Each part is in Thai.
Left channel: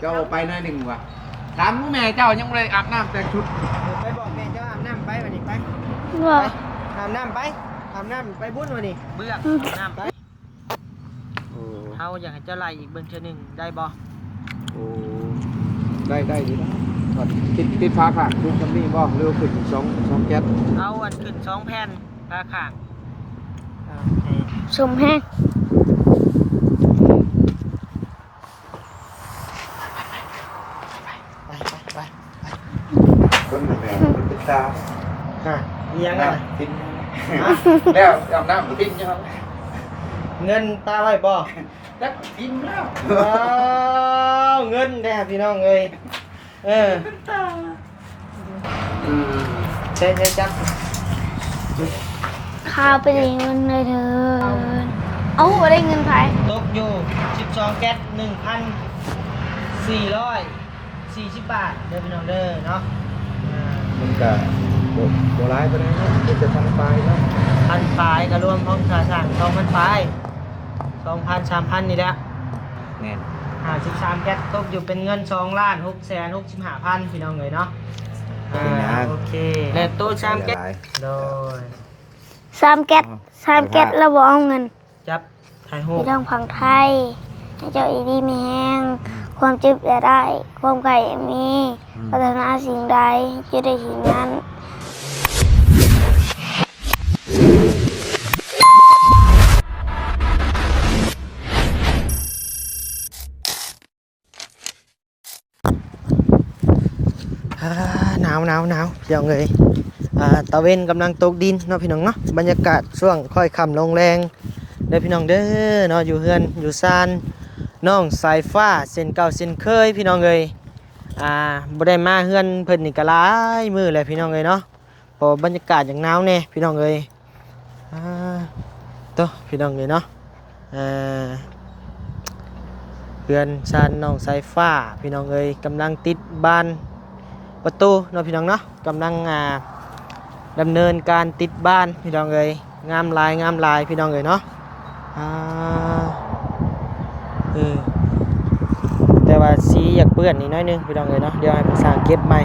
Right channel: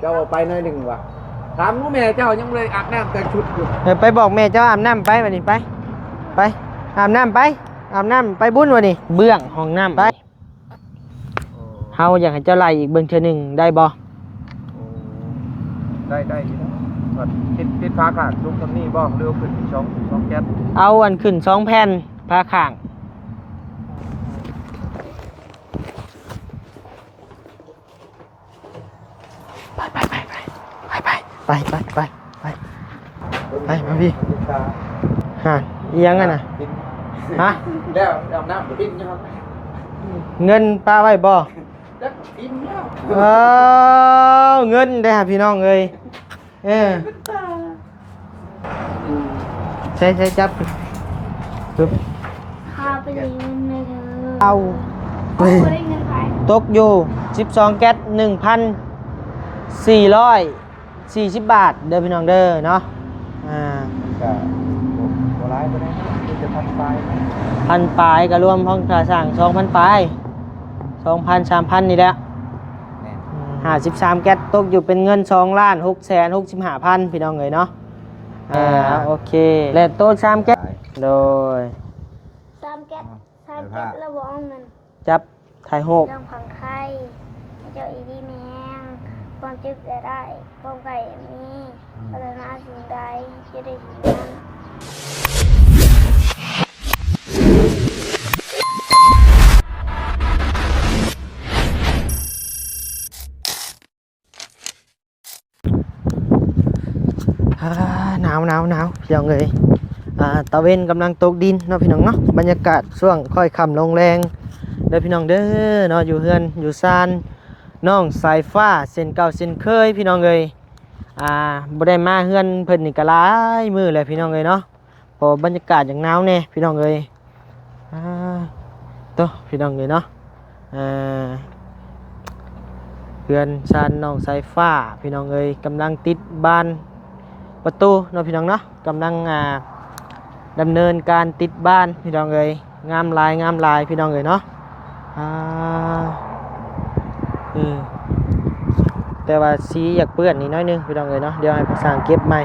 เจ้าไปหน่อยหนึ่งว่ะถามแม่เจ้ายังเลยอาบน้ำแต่ชุดอยู่ไปบอกแม่เจ้าอาบน้ำไปวันนี้ไปอาบน้ำไปอาบน้ำไปบุญวันนี้เบื้องห้องน้ำไปเฮาอยากให้เจ้าไล่อีกเบิ่งเทื่อหนึงได้บ่ได้ดีนะติดฟ้าขาดชุดตรงนี้บ้องเร็วขึ้น2แก๊สเอาอันขึ้น2แผ่นพาข้างชมแห้งไปดิฮะยังไงนะฮะแล้วอาบน้ำปิ้งใช่ไหมเงินป้าไว้บ่แล้วปิ้งแล้วเงินได้หาพี่น้องเอ้ยใช่จับข้าวไปได้เงินเลยเธอเอาไปได้เงินไผตกอยู่12แก๊ส 1,440 บาทเด้อพี่น้องเด้อเนาะมันก็โบราณไปได้มันจะพันปลายนะ1,000 ปลายก็รวมห้องค่าสร้าง 2,000 ปลาย 2,000 3,000 นี่แหละ53แก๊สตกอยู่เป็นเงิน2,665,000พี่น้องเอ้ยเนาะโอเคแล้วโต๊ะ3แก๊สโดย3แก๊สแล้วบ่เอาเงินจับถ่ายโหกทางฝั่งไทยให้เจ้าอีดีมีแห้งความจึบได้ความไก่มีพัฒนาสิ่งใดจะได้สิ่งนั้นหนาวพี่น้องเอ้ยตะเวนกำลังตกดินเนาะพี่น้องเนาะบรรยากาศช่วงค่อยค่ำลงแรงเด้อพี่น้องเด้อเนาะอยู่เฮือนอยู่ซานน้องสายฟ้าเส้นเก่าเส้นเคยพี่น้องเอ้ยบ่ได้มาเฮือนเพิ่นนี่ก็หลายมื้อแล้วพี่น้องเอ้ยเนาะพอบรรยากาศอย่างหนาวแน่พี่น้องเอ้ยโตพี่น้องเอ้ยเนาะเฮือนซานน้องสายฟ้าพี่น้องเอ้ยกำลังติดบ้านประตูเนาะพี่น้องเนาะกำลังดำเนินการติดบ้านพี่น้องเอ้ยงามลายพี่น้องเอ้ยเนาะแต่ว่าสีอยากเปื้อนนิดน้อยนึงพี่น้องเอ้ยเนาะเดี๋ยวให้ภาษาเก็บใหม่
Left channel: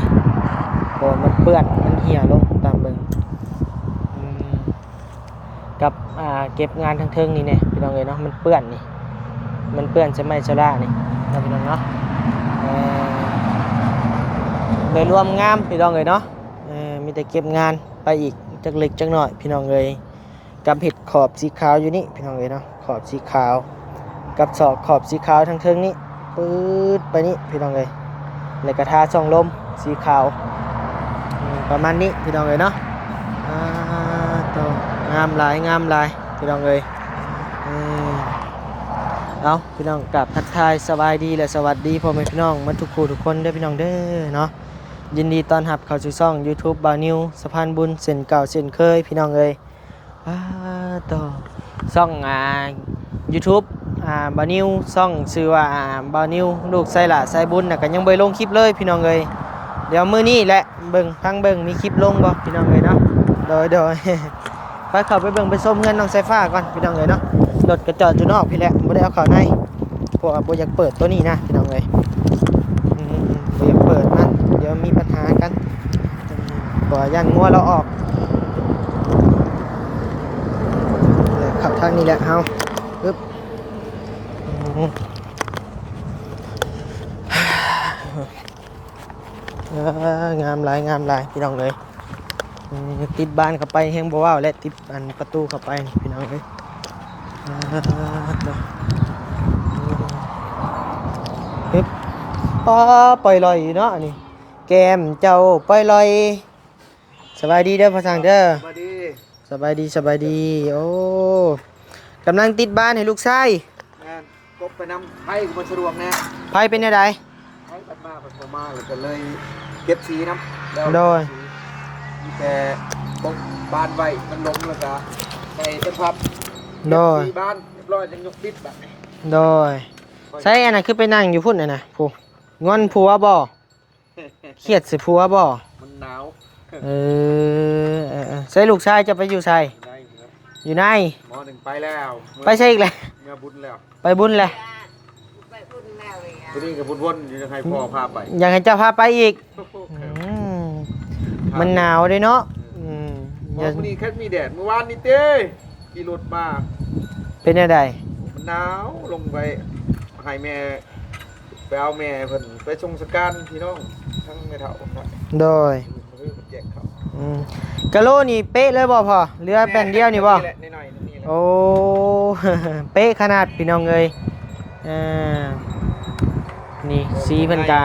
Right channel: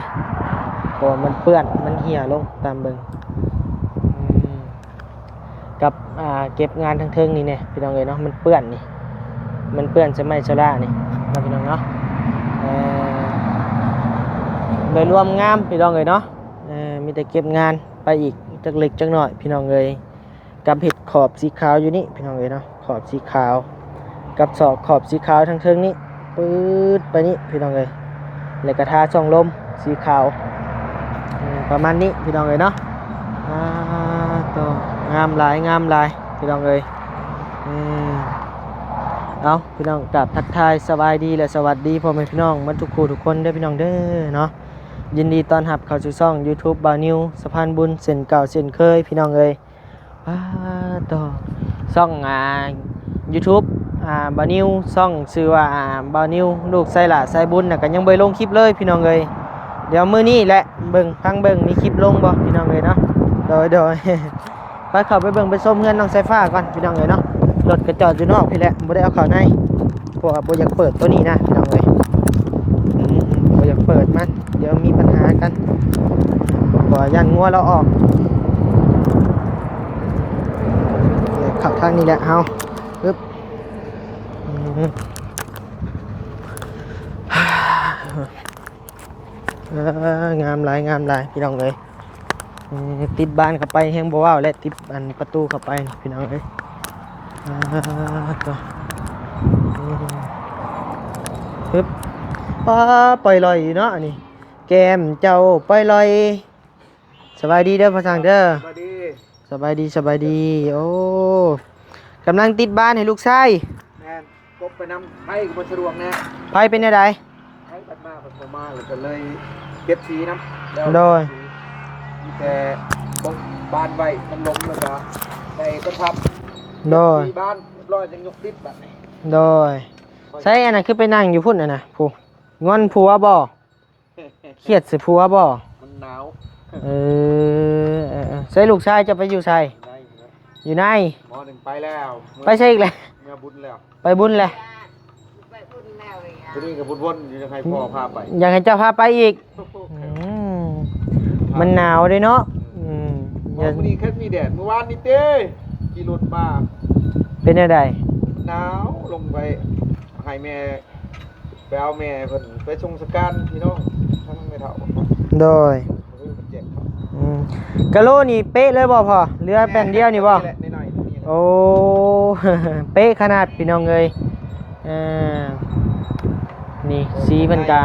เพราะมันเปื้อนมันเหี่ยลงตามเบิ่งกับเก็บงานทั้งเทิงนี่เนี่ยพี่น้องเอ้ยเนาะมันเปื้อนนี่มันเปื้อนใช่ไหมโซล่านี่นะพี่น้องเนาะโดยรวมงามพี่น้องเอ้ยเนาะมีแต่เก็บงานไปอีกจักเล็กจักน้อยพี่น้องเอ้ยกับเห็ดขอบสีขาวอยู่นี่พี่น้องเอ้ยเนาะขอบสีขาวกับศอกขอบสีขาวทั้งเทิงนี้ปื๊ดไปนี่พี่น้องเอ้ยแล้วก็ทาช่องลมสีขาวประมาณนี้พี่น้องเอ้ยเนาะตัวงามหลายพี่น้องเอ้ยเอาพี่น้องกลับทักทายสบายดีและสวัสดีพ่อแม่พี่น้องทุกคนเด้อพี่น้องเด้อเนาะยินดีต้อนรับเข้าสู่ช่อง YouTube บาวนิวสะพานบุญเส้นเก่าเส้นเคยพี่น้องเอ้ยต่อช่องYouTube บาวนิวช่องชื่อว่าบาวนิวลูกไส้หล่าไส้บุญน่ะก็ยังบ่ลงคลิปเลยพี่น้องเอ้ยเดี๋ยวมื้อนี้แหละเบิ่งทางเบิ่งมีคลิปลงบ่พี่น้องเอ้ยเนาะโดยไปเข้าไปเบิ่งไปชมเงินน้องไส้ฟ้าก่อนพี่น้องเอ้ยเนาะรถกระจอดอยู่นอกพี่แหละบ่ได้เอาเข้าในพวกบ่อยากเปิดตัวนี้นะพี่น้องเอ้ยบ่อยากเปิดมันเดี๋ยวมีปัญหากันบ่ย่างงัวเราออกขับทางนี้แหละเฮาปึ๊บงามหลายพี่น้องเลยติดบ้านเข้าไปแห้งบ่ว้าวและติดอันประตูเข้าไปพี่น้องเลยปึ๊บปล่อยลอยเนาะนี่แก้มเจ้าปล่อยลอยสบายดีเด้อพ่อสังเด้อสบายดีโอ้กำลังติดบ้านให้ลูกชายกบไปน้ำไผ่ก็บ่สะดวกแน่ไผ่เป็นยังไงไผ่ตัดมาผมมาแล้วก็เลยเก็บสีน้ำโดยมีแต่กบบานไว้มันล้มแล้วก็ใส่ต้นพับโดยบ้านร้อยจะยกปิดแบบนี้โดยใช่อันนั้นคือไปนั่งอยู่พุ่นน่ะผู้งอนผัวบ่เครียดสิผัวบ่มันหนาวใส่ลูกชายจะไปอยู่ใส่อยู่ในหมอหนึ่งไปแล้วไปใช่อีกแล้วเมื่อบุญแล้วไปบุญแล้ว วันนี้กับวนๆจะให้พ่อพาไป อยากให้เจ้าพาไปอีกมันหนาวเลยเนาะวันนี้แค่มีแดดเมื่อวานนี่เต้ขี่รถมา เป็นอะไร หนาวลงไปให้แม่ไปเอาแม่เพิ่นไปชงสการพี่น้องทั้งในเถา โดยกะโลนี่เป๊ะเลยบ่พอเรือแบนเดียวนี่บ่ โอ้ เป๊ะขนาดพี่น้องเลยนี่สีเพิ่นกะ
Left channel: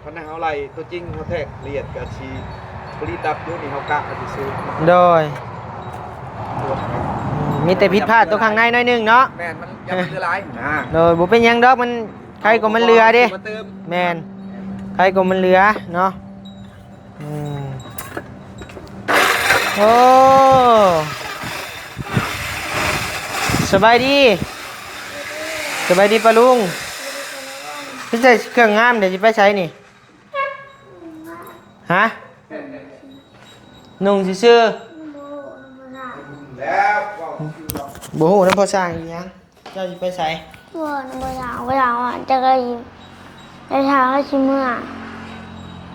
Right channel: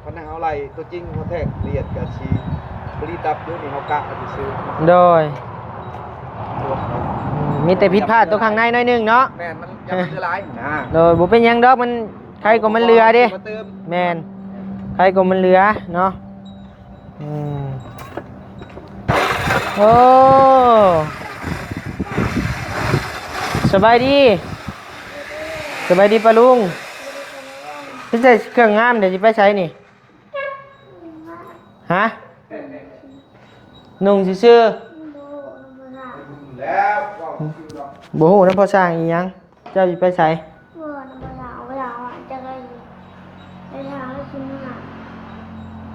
เพราะนั่นเขาไล่ตัวจริงเขาแทงเลียดกับชีบริดับด้วยนี่เขากะเขาจะซื้อ โดยมีแต่ผิดพลาดตัวข้างในหน่อยนึงเนาะ แม่นมันยังมันคือร้ายนะ โดยบ่เป็นหยังดอกมันใครก็มันเรือเด้แม่นใครก็มันเรือเนาะโอ้สบายดีปะลุงพี่ใส่เครื่องงามเดี๋ยวจะไปใช้นี่ฮะนุ่งซื่อ แล้ว ๆบ่ฮู้นำพ่อสร้างอีหยังเจ้าสิไปใช้ บ่อยากว่าจะก็ยินแต่ทางแล้วชิเมื่อ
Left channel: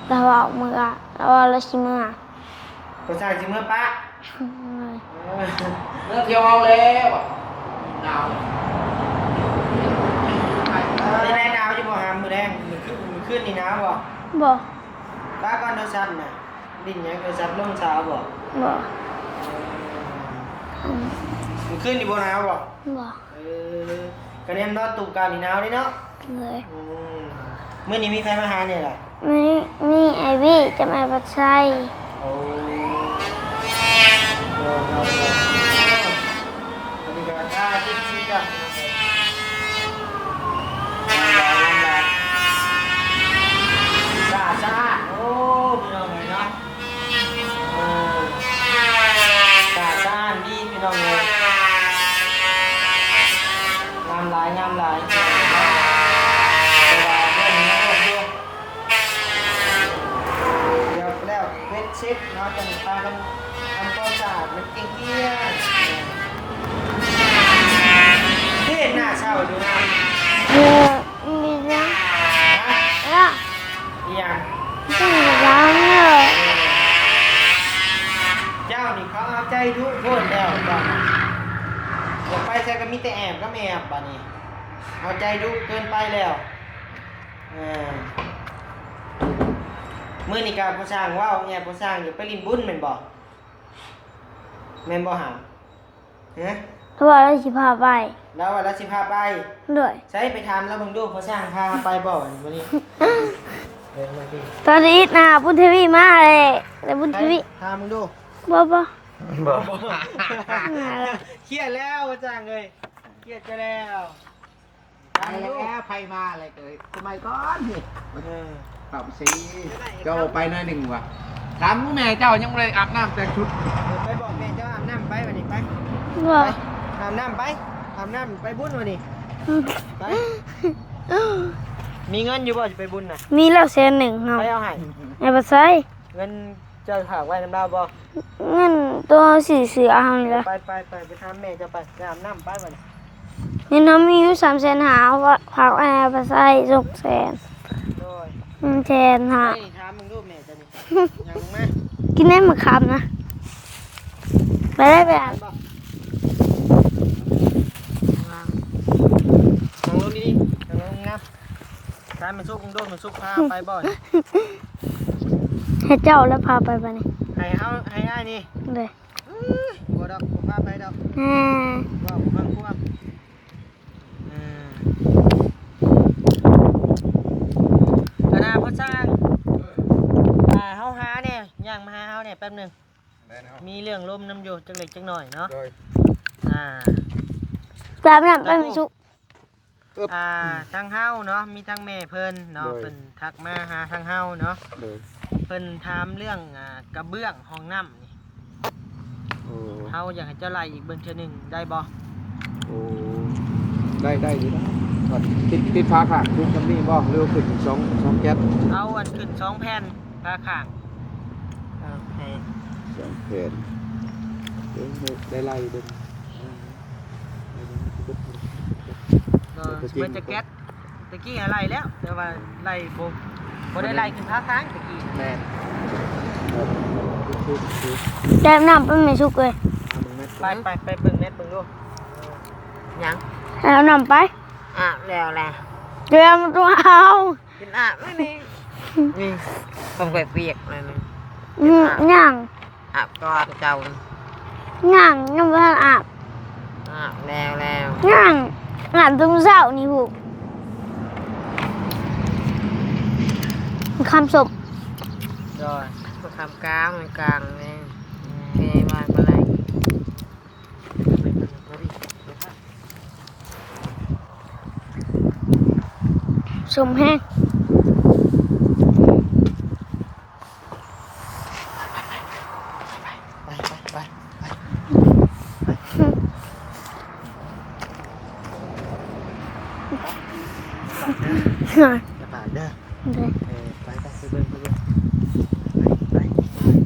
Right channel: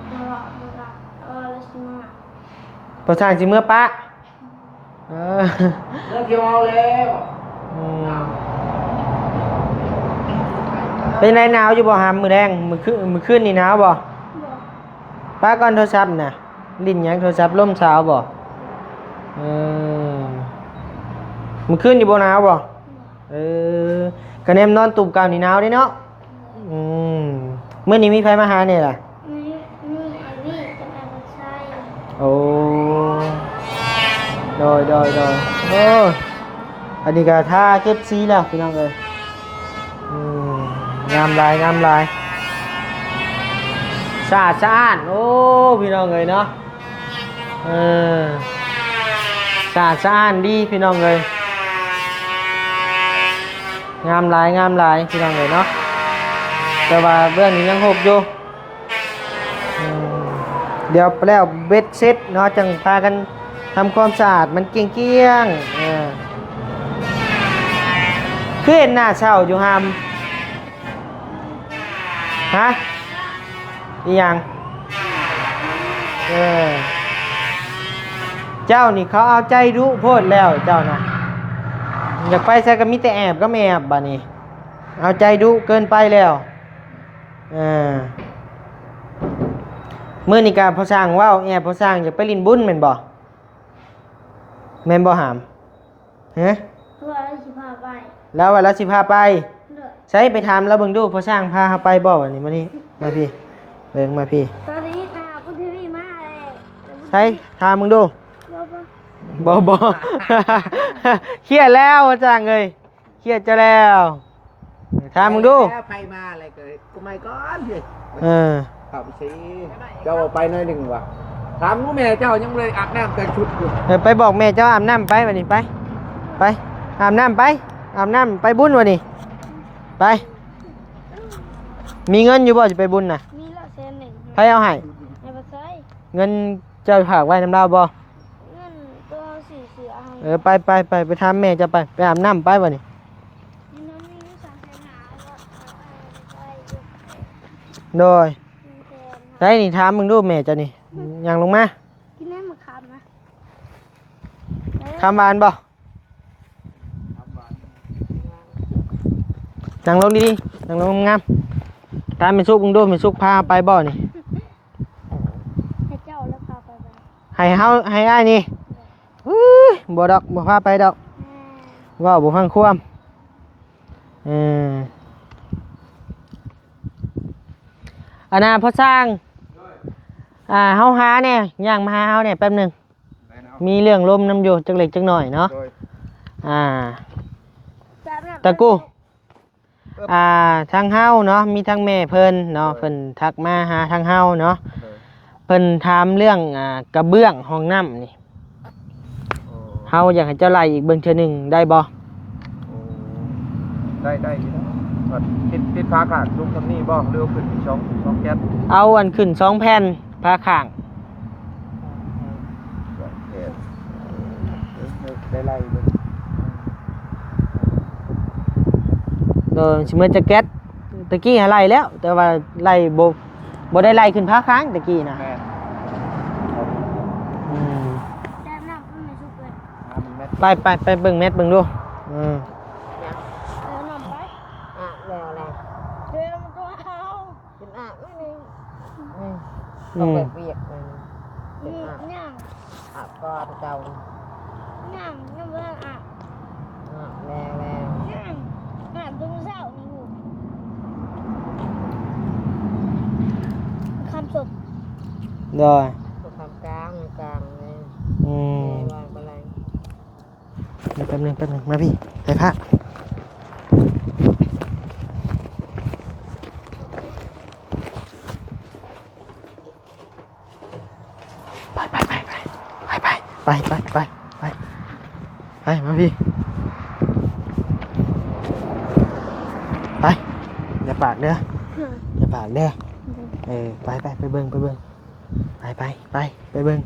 เราเอามือเราเอาแล้วชิเมื่อ พ่อสร้างสิเมื่อปะเออ เลิกยาวแล้วหนาว เป็นไรหนาวอยู่บ่หามมือแดงมือขึ้นนี่หนาวบ่ บ่ ป้าก่อนโทรศัพท์น่ะลิ้นหยังโทรศัพท์ล่มสาวบ่ บ่ มือขึ้นอยู่บ่หนาวบ่ บ่ กระเนมนอนตุ่มกลางนี่หนาวเด้เนาะ เลย มื้อนี้มีใครมาหาเนี่ยล่ะ นี่ไอวี่จะมาปัดไส้ โอ้โดยโอ้อันนี้ก็ท่าเก็บซีล่ะพี่น้องเอ้ยงามลายสะอาดโอ้พี่น้องเอ้ยเนาะสะอาดดีพี่น้องเอ้ยงามลายพี่น้องเอ้ยเนาะแต่ว่าเรื่องนี้ยังหกอยู่เดี๋ยวแล้วเบ็ดเซ็ตเนาะจังพากันทำความสะอาดมันเกลี้ยงเพื่อนหน้าเศร้าอยู่หาม มีนะ ฮะ ละ อีหยัง ต้องล้างเลย เจ้านี่เขาเอาใจดุโพดแล้วเจ้านะอยากไปใส่ก็มีแต่แอบก็ไม่แอบบ่นี่เอาใจดุเกินไปแล้วมื้อนี้ก็พอสร้างว่าวแอบพอสร้างอยากไปลินบุญแม่นบ่หามฮะ เพราะว่าเราสิพาไป แล้วว่าเราสิพาไป ด้วย ใช้ไปถามแล้วเบิ่งดูพอสร้างพาไปบ่วันนี้มานี่มาพี่เบิ่งมาพี่ ตอนนี้นะพุทธวีมาเลยแต่พุทธ ใช้ วี ถามมึงดู บ่ บ่ เครียดแล้วพอสร้างเอ้ยเครียดจะแล้วถามมึงดู ไผมาอะไรเกิดทำไมก่อน เอาสิเจ้าไปหน่อยหนึ่งว่ะถามลูกแม่เจ้ายังเลยอาบน้ำแต่งชุดอยู่ ไปบอกแม่เจ้าอาบน้ำไปวันนี้ไปอาบน้ำไปบุญวันนี้ไปมีเงินอยู่บ่จะไปบุญน่ะ มีแล้ว100,000ครับ ไปเอาให้ ไอ้ปัดไส้ เงินเจ้าฝากไว้น้ำดาวบ่ เงินตัวสีเสือเอาเลย ไปทำแม่จะไปอาบน้ำไปวันนี้ เงินน้ำมีอยู่300,000หาว่าฝากไอ้ปัดไส้200,000 โดย 100,000หา ได้นี่ถามมึงดูแม่เจ้านี่ยังลงมา กินได้มาคำนะไปได้ ทำบานบ่นั่งลงดีๆนั่งลงงามถามเป็นสุกมึงดูเป็นสุกพาไปบ่นี่ ให้เจ้าแล้วพาไปปะนี่ ให้อ้ายนี่ เลย บ่ดอกบ่พาไปดอกว่าบ่ฟังความอันน่ะพ่อสร้างเฮาหาเนี่ยย่างมาหาเฮาเนี่ยแป๊บหนึงมีเรื่องลมน้ำอยู่จักเล็กจักหน่อยเนาะตามน้ำ ตะกู้ สุก ทางเฮาเนาะมีทางแม่เพิ่นเนาะเพิ่นทักมาหาทางเฮาเนาะเพิ่นถามเรื่องกระเบื้องห้องน้ำนี่เฮาอยากให้เจ้าไล่อีกเบิ่งเทื่อหนึงได้บ่ ได้อยู่นะติดฟ้าขาดลูกตำนี้บ่เร็วขึ้น2แก๊ส เอาอันขึ้น2แผ่นพาข้าง ไล่เลย สิมื้อจะแก๊ส ตะกี้หาไล่แล้ว แต่ว่าไล่บ่ได้ไล่ขึ้นพาค้างตะกี้น่ะ แม่น แซ่บน้ำเป็นไม่ชุกเลย ไปเบิ่งเม็ดเบิ่งดูอืม ยัง แล้วน้ำไป แล้วแหละ เดี๋ยวมันตัวเอา กินอาบไม่นี่นี่ก็เปียกๆเลยนะ ย่าง อาบก่อนเจ้า ย่างน้ำมันอาบ อาบแล้ว ย่างอาบตุ้มเศร้านี่ผูคำศพ ดอย ก็ทำกลางนี่ อืม แม่บ้านอะไร แป๊บนึงมาพี่ไปพระ สมแห้ง ไปมาพี่ไปอย่าปาดเด้ออย่าปาดเด้อไปเบิ่งไปเบิ่งไปเบิ่ง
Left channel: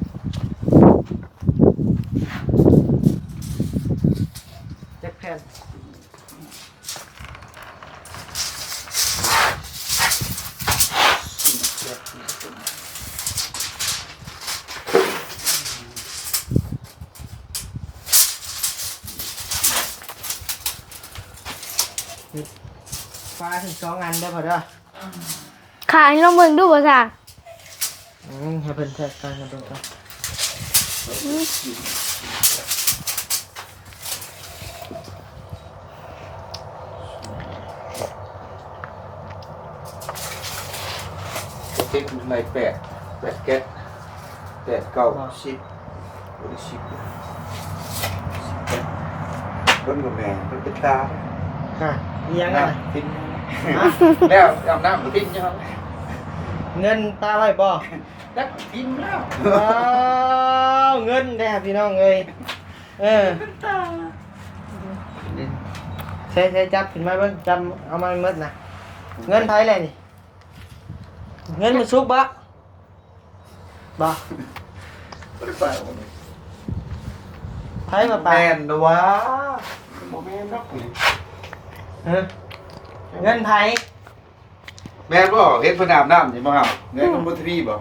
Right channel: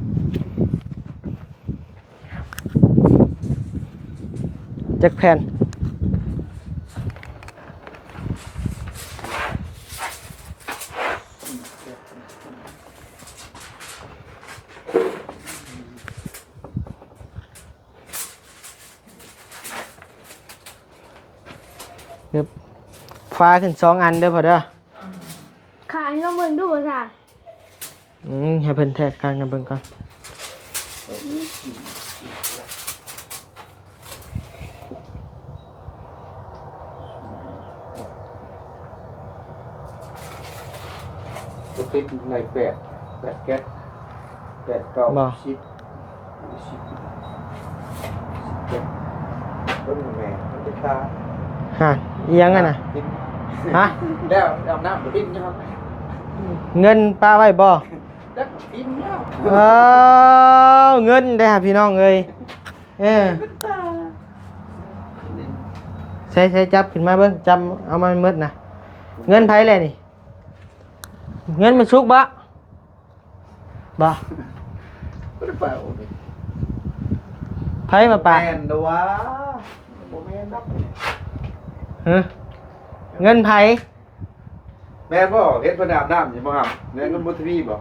จักแผ่นฟ้าขึ้น2 อันเด้อพอเด้อ ขายลองเบิ่งดูบ่จ้ะ ให้เพิ่นแทกกันกันเบิ่งก่อน ติดใน8แก๊ส8 9 10บ่ได้10เบิ่งกับแม่มันเป็นตา ฮะอีหยังกันน่ะฮะ แล้วอาบน้ำปิ้นยังครับ เงินป้าไว้บ่ แล้วปิ้นแล้ว เงินได้หาพี่น้องเอ้ยใช้จับขึ้นมาเบิ่งจับเอามาหมดน่ะเงินไผแหละนี่เงินมันสุกบ่ไผมาปา แม่นนะวะบ่แม่นดอก ฮะเงินไผ แม่นบ่เฮ็ดเพิ่นอาบน้ำอยู่บ่ครับแม่นคนบ่ทวีบ่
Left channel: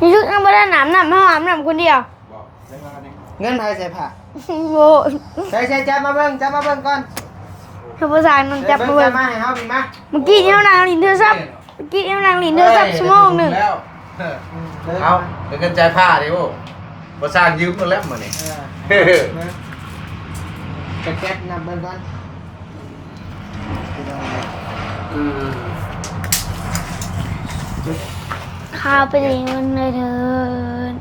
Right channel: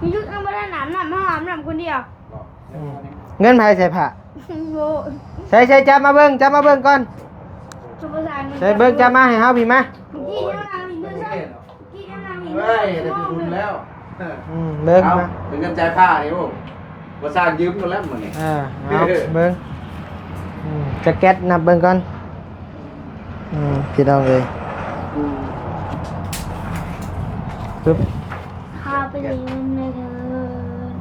นี่ชุกยังไม่ได้น้ำห้องอาบน้ำคนเดียว บ่ เงินไผใส่ผ้า โว้ ใช้จับมาเบิ่งก่อน ทำภาษาหนึ่ง ใช้ จับ เบิ่ง ตัว จับมาให้เฮาพี่มา เมื่อกี้เนี่ยนางลินเธอซับเมื่อกี้เนี่ยนางลินเธอซับชั่วโมงหนึ่ง แล้ว เริ่ม เอา มา เงินจ่ายผ้าดิโอ้บ่สร้างยืมเงินแล้วมื้อนี้ เบิ่งจะแก๊สนับเบิ่งก่อนพี่น้องเอ้ย ปึ๊บ ข้าวไปได้เงินเลยเถิน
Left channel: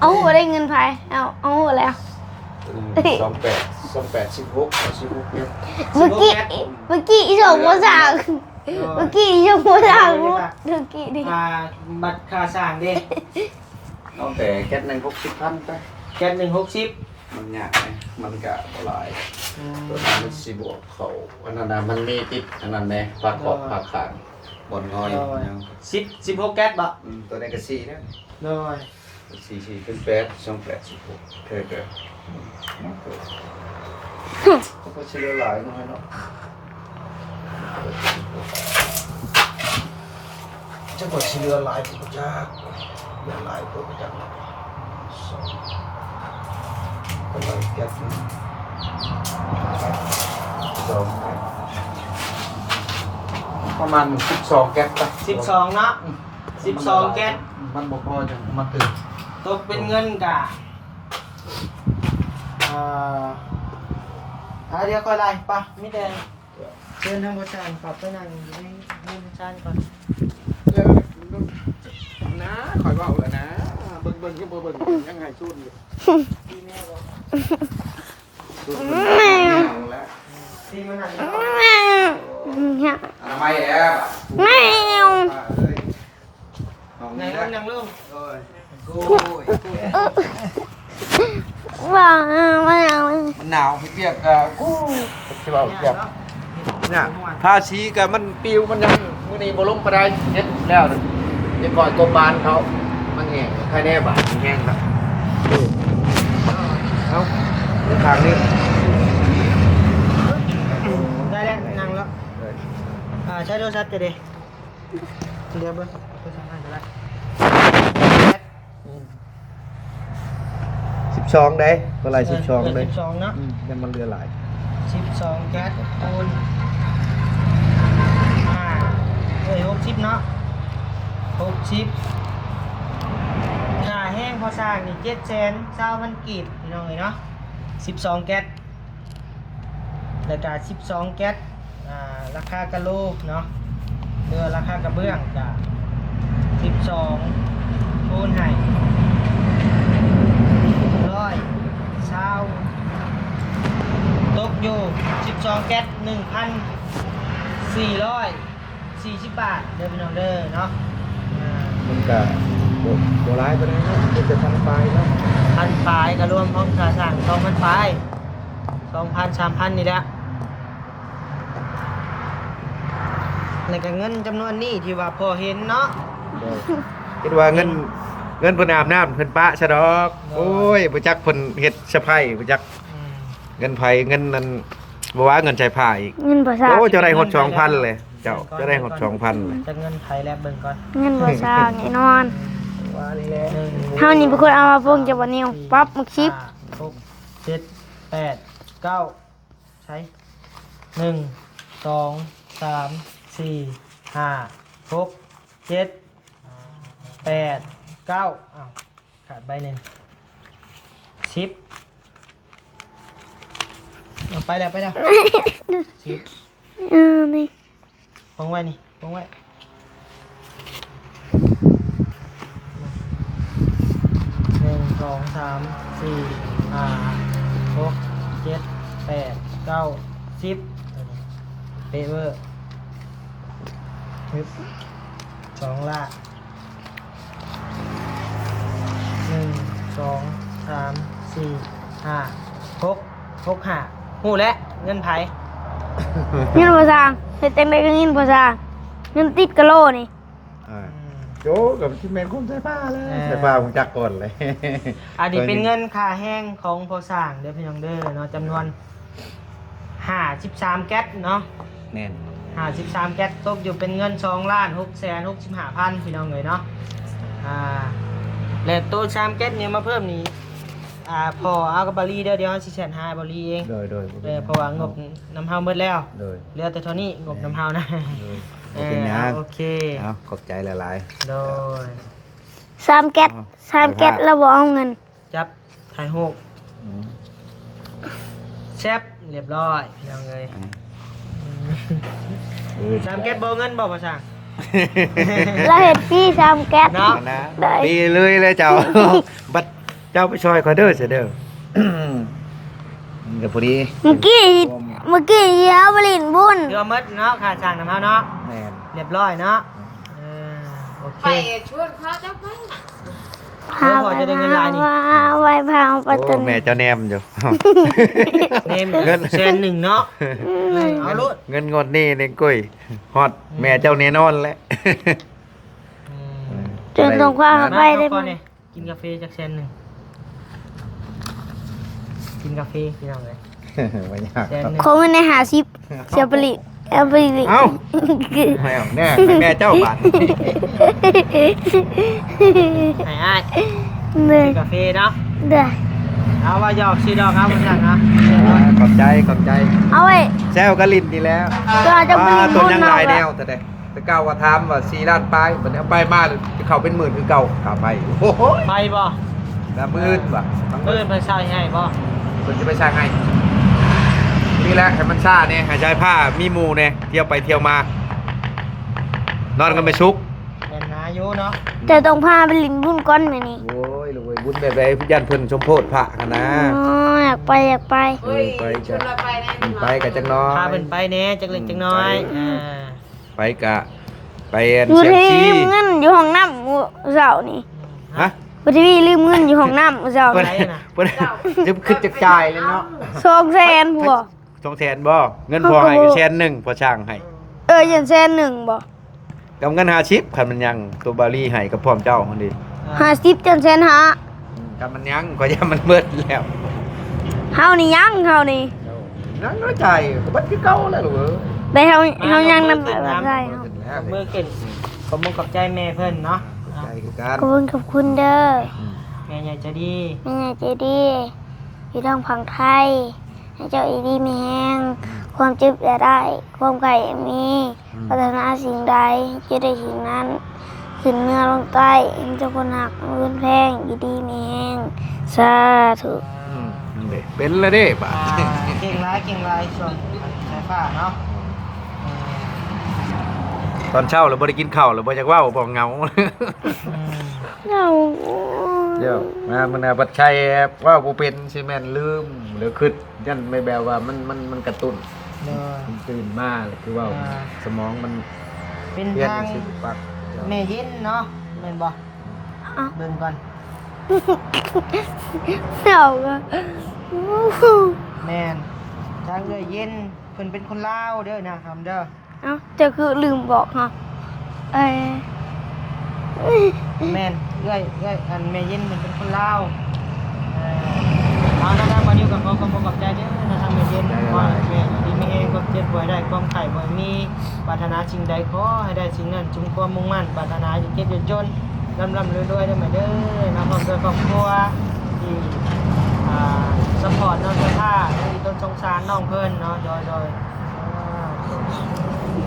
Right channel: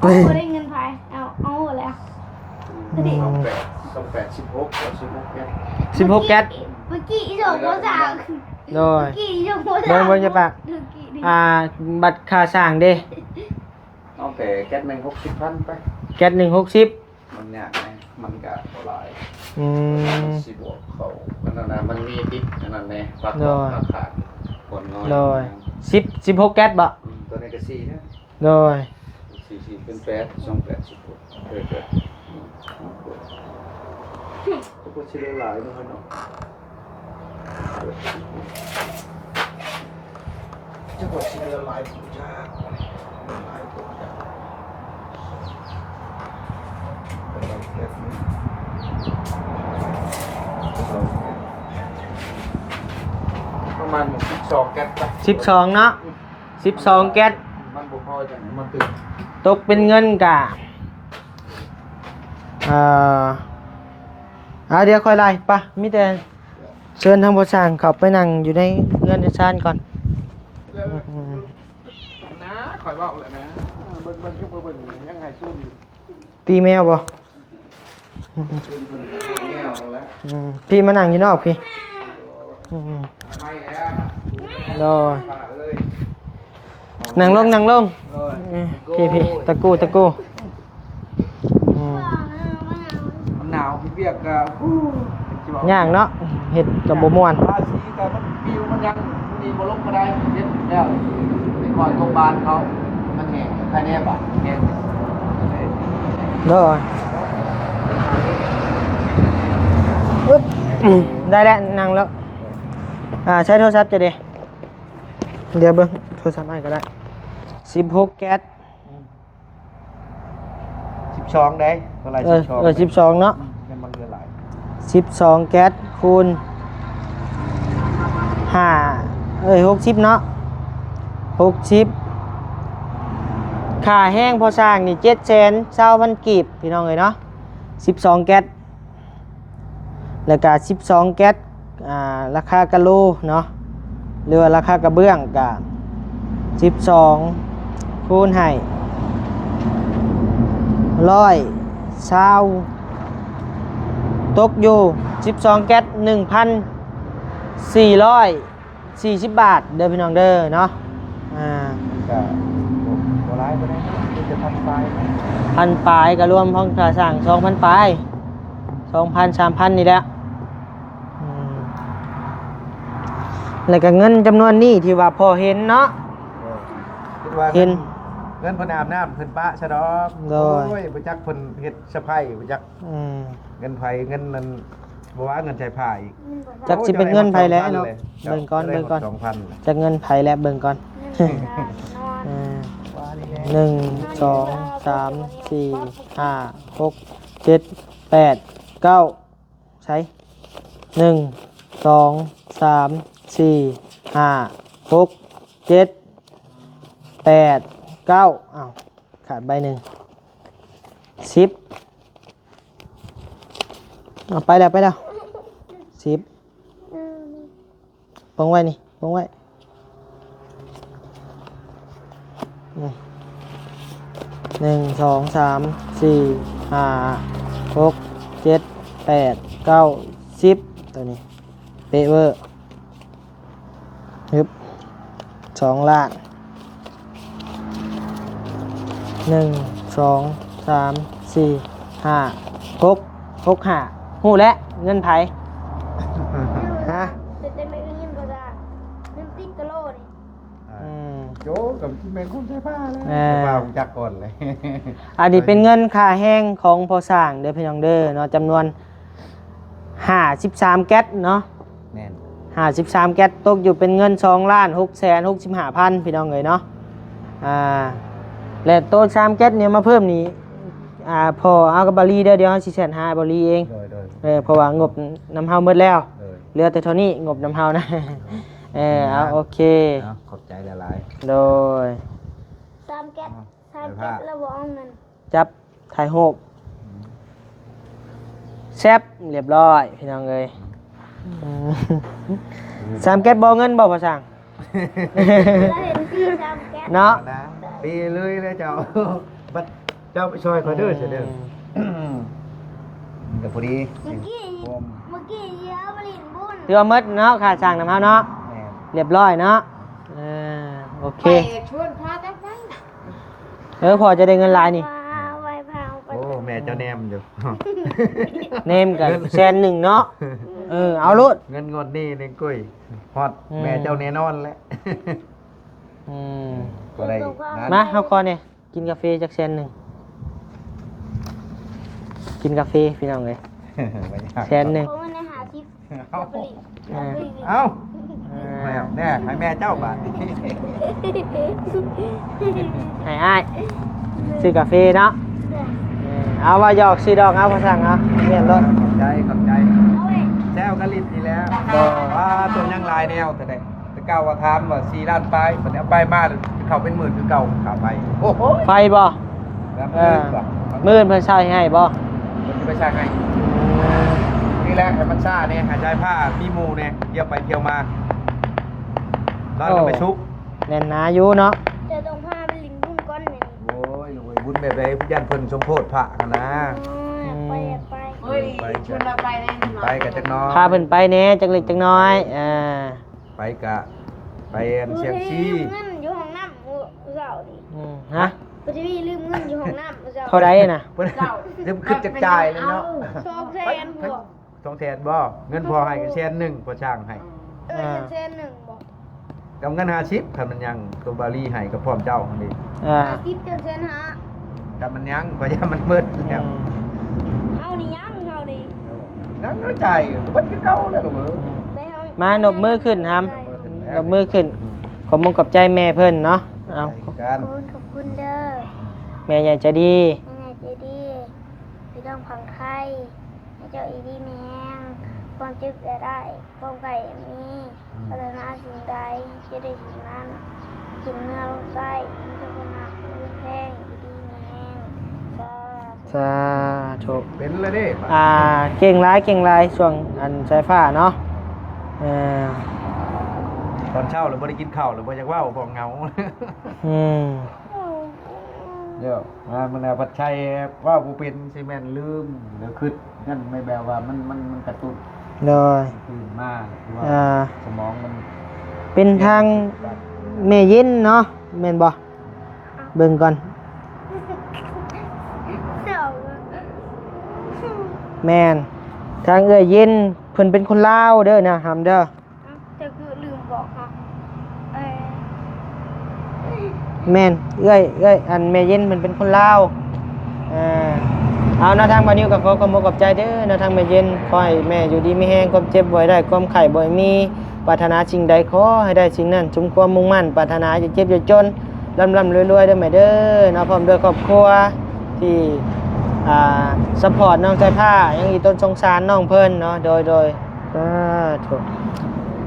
เอาหัวได้เงินไผเอาหัวแล้ว 16แก๊ส เมื่อกี้อีสองภาษา โดย เมื่อกี้อีสองภาษา โดยจะปะ เมื่อกี้ดิ บัตรค่าสร้างเด้ เอาแต่แก๊สนึง60,000ไป แก๊ส160 มันยากไงมันก็บ่หลาย อืม มันสิบวกเขามันนั่นน่ะมันมีติดอันนั้นแหละปากบอกปากขาดบนน้อย โดย16แก๊สบ่ ตัวนี้ก็4นะ โดย 4เป็น8 2 8 16เด้อก็สิได้หลายน้อยเนาะจังหวัดสิได้หลายบ่จ้าหลายบ่จ้าประมาณ12แก๊สป่ะ 12เนาะ12แก๊ส มันบ่พอจังมาตึก ตกเป็นเงินกะเดี๋ยวค่อยไล่ป่ะมีแต่เชิญทางผู้ช่างเข้าไปนั่งอยู่ในเงินในชานก่อน นะคอยบอกเลยนะเบิ่งยังไงช่วงนี้ พี่แมวบ่พี่มานั่งอยู่นอกพี่ เนี่ย ทำไมแอบ แมว นั่งลงพี่ตะกู ว่าไม่เอา หนาวพี่เปียกอ่ะ ย่างเนาะเห็ดกับบ่ม่วน ภาษีกับมันปิวมันยังมื้อนี้บ่ลงปานใดเฮ็ดแล้วเดี๋ยวก่อนกรมบาลเขามันแห้งค่าแน่บาทแห้งครับ เด้อ เนาะทางนี้ ได้แล้วนั่งแล้ว ใช้โทรศัพท์จะดีเดี๋ยวเบิ้งโทรศัพท์ไหนก็ได้16แคท 12ได้เท่าไหร่12 12เนาะ ยังมันเรือหลาย 12แก๊สคูณ560เนาะ60ค่าแห้งพอสร้างนี่720,000กีบพี่น้องเอ้ยเนาะ12แก๊สแล้วก็12แก๊สราคากะโลเนาะหรือว่าราคากระเบื้องก็12คูณให้120ตกอยู่12แก๊ส 1,440 บาทเด้อพี่น้องเด้อเนาะมันก็โบราณไปได้มันจะทำไปเนาะ พันปลายก็รวมห้องค่าสร้าง 2,000 ปลาย 2,000 3,000 นี่แหละแล้วก็เงินจำนวนนี้ที่ว่าพอเห็นเนาะ คิดว่าเงินเพิ่นอาบน้ำเพิ่นปะซะดอก โด โอ้ยบ่จักเพิ่นเฮ็ดสะไพร่บ่จัก อืม เงินไผเงินนั้นบ่ว่าเงินใช้ผ้าอีก เงินภาษา โอ้จะได้หด สิเป็นเงินไผแล้ว 2,000เลยเจ้าจะได้หด 2,000เลย จากเงินไผแล้วเบิ่งก่อน เงินภาษาแน่นอน หนึ่ง เท่านี้เป็นคนเอามาเบิ่งจากวันนี้ สม ปั๊บมาคลิป ห้6 7 8 9ใช้1 2 3 4 5 6 7 8 9อ้าวขาดใบหนึ่ง10เอาไปแล้ว10 นี่ วางไว้นี่วางไว้1 2 3 4 5 6 7 8 9 10ตัวนี้เปเวอร์ฮึบ2ล่าง1 2 3 4 5 6 5หูแล้วเงินไผ เงินภาษาเฮ็ดจังได๋ก็เงินภาษาเงินติดกะโลนี่ โยกับที่แม่นคนใช้ผ้าแล้วใช้ผ้าผมจักก่อนเลย อันนี้เป็นเงินค่าแห้งของพอสร้างเด้อพี่น้องเด้อเนาะจำนวน53แก๊สเนาะ แน่น 53แก๊สตกอยู่เป็นเงิน2,665,000พี่น้องเอ้ยเนาะแล้วโต๊ะ3แก๊สเนี่ยมาเพิ่มนี่พอเอากับบาลีเด้อเดี๋ยวเฮาสิแสนหาบาลีเอง โดย เพราะว่างบน้ำเฮาหมดแล้ว โดย เหลือแต่เท่านี้งบน้ำเฮานะโอเค ขอบใจหลาย โดย 3แก๊ส3แก๊สแล้วบ่เอาเงิน จับถ่ายรูปแซ่บเรียบร้อยพี่น้องเลย3แก๊สบ่เงินบ่ภาษา เราเห็นพี่3แก๊ส เนาะ นะดีเลยเจ้า บัดเจ้าไปช่วยคอยเด้อเสียเด้อเดี๋ยวพอดี เมื่อกี้เอาไปลินบุญ เรือมดเนาะขาดสั่งน้ำเฮาเนาะ แน่น เรียบร้อยเนาะโอเค ชวนพาเจ้าไป พอจะได้เงินลายนี่ ไว้พาไป โอ้ จน แม่เจ้าแนมอยู่ เนมกับแซนหนึ่งเนาะเอาลุด เงินงดนี่นี่กุ้ยฮอดแม่เจ้าแน่นอนแหละ จนตรงความ มา ไป เข้า ได้ ก่อนเนี่ยกินกาแฟจากแซนหนึ่งกินกาแฟพี่น้องเลย ไม่ยาก แซนหนึ่ง คงใน50เสียผลิตเอาไปลิ เอ้าไม่เอาแน่แม่เจ้าบาท ง่าย เด้ ๆซื้อกาแฟเนาะ เด้อ เอาว่าหยอกสีดอกเอามาสั่งนะเรียบร้อย ขอบใจ เอาไว้ แซวกะลินนี่แล้ว เราจะไป ว่า ลิน ตัว บุญ ยัง เนาะ ลายแนวแต่เก่าว่าถามว่า4ล้านปลายมันเอาไปบ้านเขาเป็นหมื่นคือเก่าเขาไปโอ้โห ไปบ่ แล้วมื่นว่ะ มื่นเพิ่นเช่าให้บ่ มันจะไม่ใช่ให้นี่แหละให้มันซ่าเนี่ยหายใจผ้ามีหมูเนี่ยเที่ยวไปเที่ยมานอนกันไปชุก แม่นนาอยู่เนาะ แต่ต้องพาไปลินบุญก้อนไหมนี่ โอ้ยลูกเอ้ยบุญแบบไรยันเพิ่นสมโพธิพระกันนะ อยากไป เฮ้ยชวนเราไปในหนึ่ง ไปกับจังน้อย พาเพิ่นไปแหน่จักเล็กจักน้อยไปกะไป มือ เสียง ที่ ซี ลืมเงินอยู่ห้องน้ำเสานี่ ฮะ มือที่ลืมเงินอยู่ห้องน้ำเสา เท่าไหร่น่ะ เพิ่นจะขึ้นจากจ่ายเลยเนาะ 200,000ผัว 2แสนบ่เงินพอให้ก็แสนหนึ่งพอช่างให้ ยัน100,000บ่ กับเงิน50คันมันยังตัวบาลีให้กับพร้อมเจ้ามันดี 50จน150,000 กับมันยังก็ยังมันเบิดแล้ว เฮานี่ยังเฮานี่ นั่งน้อยใจก็เบิดคือเก่าแล้วลูกเอ้ย ไปเฮา มา เฮายัง ยกมือ นำ ขึ้นน้ำ ได้เฮา ยกมือขึ้นขอบมงขอบใจแม่เพิ่นเนาะเอา ขอบคุณเด้อ แม่ใหญ่ใจะดี แม่ใจดีอยู่ทางฝั่งไทยให้เจ้าอีดีมีแห้งความเจ็บอย่าได้ ความไข่มีปรารถนาสิ่งใดจะได้สิ่งนั้นขึ้นเนื้อลงใต้เจ้าคนหักมืนแพงอีดีมีแห้งสาธุ สาธุ เป็นเลยเด้บ่ เก่งร้ายช่วงอันสายฟ้าเนาะเออ ตอนเช้าเราบ่ได้กินข้าวเราบ่จักเว้าบ่เหงา อืม เอา เดี๋ยวมามันน่ะบัดชัยว่าบ่เป็นใช่แม่นลืมหรือคิดยันไม่แบบว่ามันกระตุ้น โดย มันตื่นมาเลยคือว่า สมองมัน เป็นทางแม่เย็นเนาะแม่นบ่เบิ่งก่อน เอาก็ แม่นทางเอ้ยเย็นเพิ่นเป็นคนลาวเด้อนะหำเด้อ เอาจะคือลืมบอกฮะเอ้ย แม่นเอ้ยอันแม่เย็นมันเป็นคนลาวเออเอาหน้าทางบานิวกับขอบคุณกับใจเด้อหน้าทางแม่เย็นขอให้แม่อยู่ดีมีแฮงความเจ็บบ่ให้ได้ความไข้บ่ให้มีปรารถนาสิ่งใดขอให้ได้สิ่งนั้นสมความมุ่งมั่นปรารถนาจะเจ็บจะจนร่ำรวยๆเด้อแม่เด้อเนาะพร้อมด้วยครอบครัวที่ซัพพอร์ตน้องใจท่ายังมีต้นสงสารน้องเพิ่นเนาะโดย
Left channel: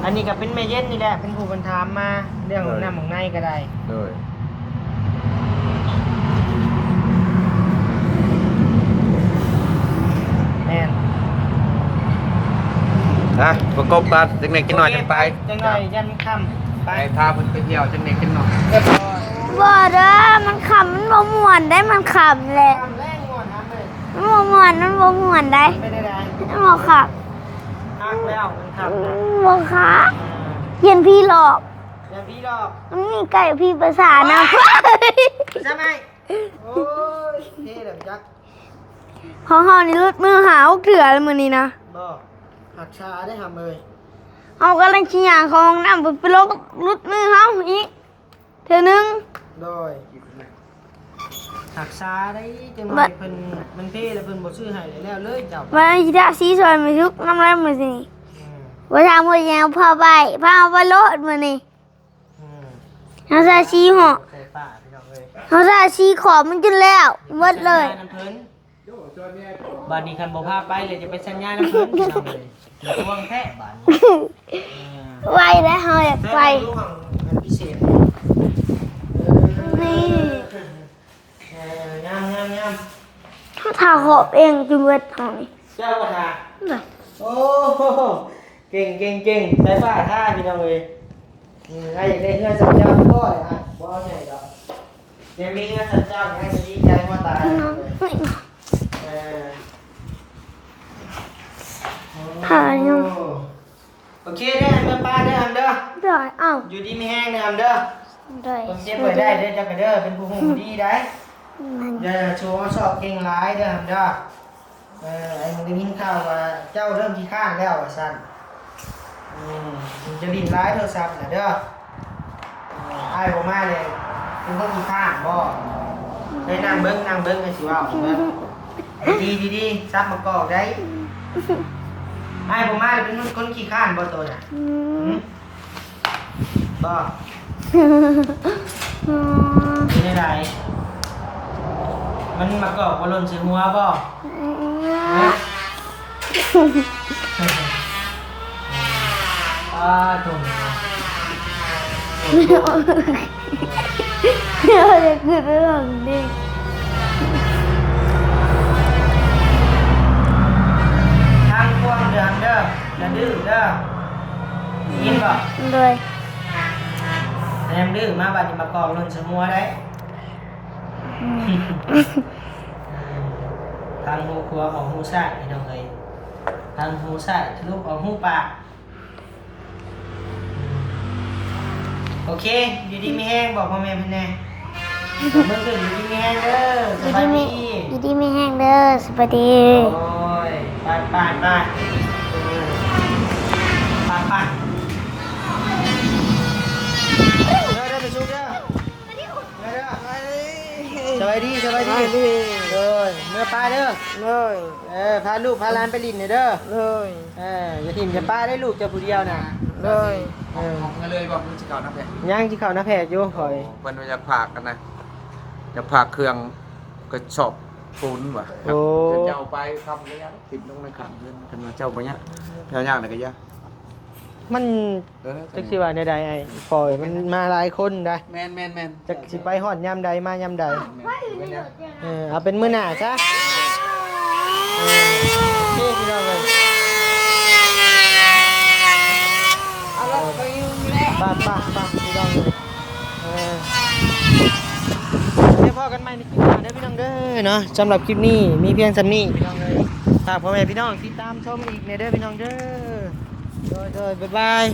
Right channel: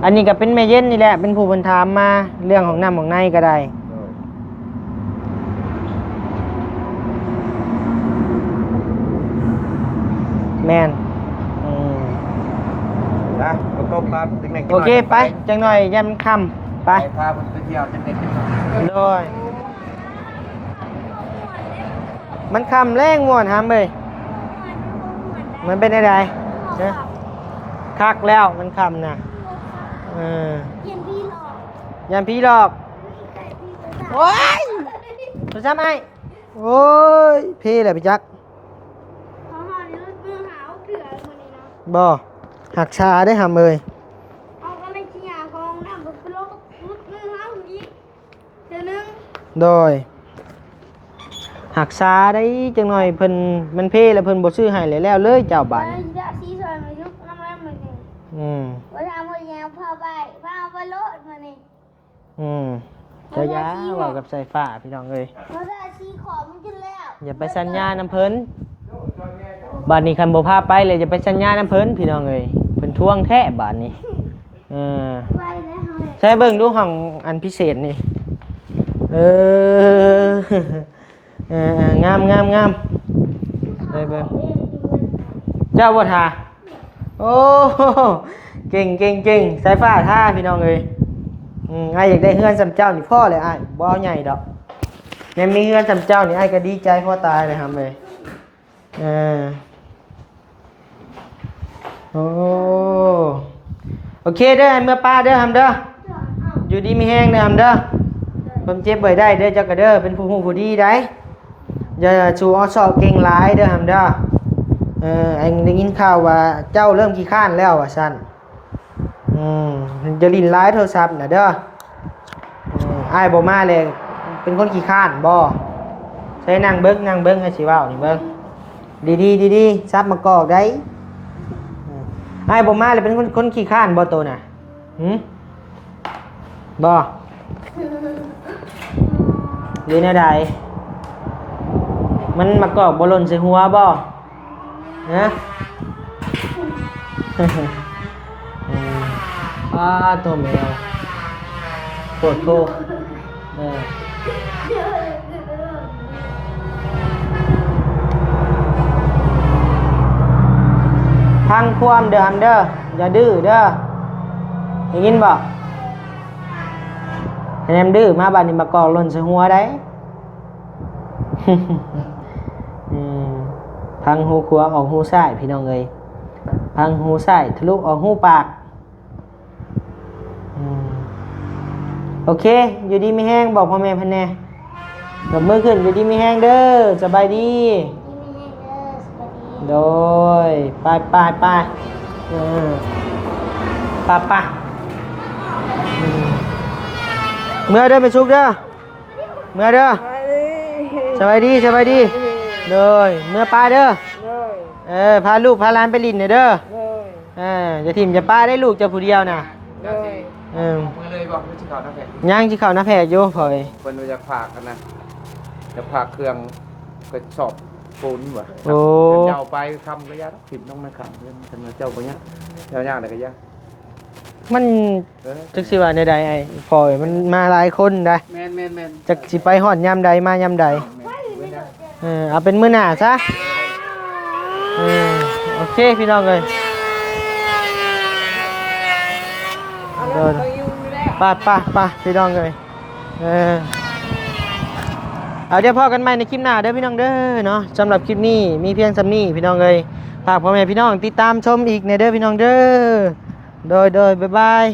อันนี้ก็เป็นแม่เย็นนี่แหละเป็นผู้เพิ่นถามมาเรื่องของน้ำของในก็ได้ โดย แม่น นะประกบกันจังได๋กิน โอ หน่อย เค จะ ไปจังหน่อยยันค่ำไป ไปพาเพิ่นไปเที่ยวจังได๋กินหน่อย โอ้ย บ่เด้อมันขำมันบ่ม่วนได้มันขำ มันค่ำแรงง่วนหามเลย มันบ่ม่วนมันบ่ม่วนได้ มันเป็นอะไร มันบ่ขับ คักแล้วมันค่ำนะ บ่ขา เออ เพียนพี่หลอก ยันพี่หลอก มันมีไก่พี่ภาษานะ ไปซ้ำไอ้โอ้ยพี่แหละพี่จัก ของเฮานี่รุดมือหาเถื่อแล้วมื้อนี้นะ บ่หักชาได้หามเลย เอากำลังสิย่างของน้ำไปลงรุดมือเฮาอีกเทื่อนึง โดยหักชาได้จังหน่อยเพิ่นมันเพ่แล้วเพิ่นบ่ซื้อให้เลยแล้วเลยเจ้าบ่า วันสิทาสีซอยมาทุกน้ำแรงมื้อนี้ อืม ว่าทางมื้อแยวพาไปพาเอาไปโลดมื้อนี้ อืม เฮาใส่สีหอ กับใส่ฟ้าพี่น้องเอ้ย เฮาใส่สีขอบมันจนแล้ว อย่า ห ไป มด สัญ เลย ญาน้ำเพิ่นบ้านนี้คันบ่พาไปเลยจะไปสัญญาน้ำเพิ่นพี่น้องเอ้ยเป็นพวงแท้บ้านนี้เออ ไว้แล้วเฮาอยาก ใช้ ไป เบิ่งดูของอันพิเศษนี่เอองาม เฮาทาหอบเองจนเบิดเฮานี่ เจ้าบ่ทาโอ้เก่งสายฟ้าท่าพี่น้องเอ้ยไอ้อยากได้เฮือนสำเจ้าพ่อเลยไอ้บ่เอาใหญ่ดอกแม่มีเฮือนสำเจ้านี่ไอ้ก็ดีใจพ่อตายเลยครับเลยเออโอ้โอเคเด้ออันเมื่อป้าเด้ออันเด้อ ได้เอ้า อยู่ดีมีแห้งเด้ออันเด้อ ได้ ผมเจ็บบ่ได้เด้อเจ้าก็เด้อเป็นผู้ฮู้ผู้ดีได้อย่าชูเอาซอกเก่งหลายเด้ออันเด้อไอ้ได้ยินข่าวว่าเจ้าเริ่มขี้ข้านแล้วว่าซั่นจะลิ้นร้ายโทรศัพท์น่ะเด้ออ้ายบ่มาเลยเป็นคนขี้ข้านบ่ใช้นั่งเบิ่งให้สิเว้าเบิ่งดีซับมากอกได้อ้ายบ่มาเลยเป็นคนขี้ข้านบ่โตน่ะบ่อยู่ในใดมันมากอกบ่หล่นใส่หัวบ่นะตัวแมวปวดตัว เดี๋ยวจะคือเรื่องดิ ทางความเดินเด้ออย่าดื้อเด้อได้ยินบ่ เลย แนมดื้อมาบัดนี้มากอกหล่นใส่หัวได้พังหูขวาออกหูซ้ายพี่น้องเอ้ยพังหูซ้ายทะลุออกหูปากโอเคอยู่ดีมีแห้งบอกพ่อแม่พันแน่ยกมือขึ้นอยู่ดีมีแห้งเด้อสบายดี อยู่ดีไม่แห้งเด้อสวัสดี โอ้ยไปเมื่อเด้อไปชุกเด้อเมื่อเด้อสบายดีเลยเมื่อปลาเด้อพาลูกพาหลานไปลินเด้อ อย่าทิ่มอย่าป้าได้ลูกจะผู้เดียวน่ะ เลย อืม ก็เลยบอกมันสิเขาน้ำแพง ย่างที่เขาหน้าแพกอยู่พอย เพิ่นว่าจะพากกันนะจะพากเครื่องก็สอบปูนว่ะ โอ้ เจ้าไปทำระยะถิ่นต้องนะครับเพิ่นว่าเจ้าก็เนี้ยยากๆเลยก็ยาก มันจักสิว่าใดๆไอ้พอยมันมาหลายคนได้ แม่น จักสิไปฮอดยามใดมายามใดเอาเป็นมื้อหน้าซะโอเคพี่น้องเอ้ย เอารถไปอยู่นี่แหละ ป้าพี่น้องเลยเอาเดี๋ยวพอกันใหม่ในคลิปหน้าเด้อพี่น้องเด้อเนาะสำหรับคลิปนี้มีเพียงสำนี้พี่น้องเลยฝากพ่อแม่พี่น้องติดตามชมอีกในเด้อพี่น้องเด้อโดยบ๊ายบาย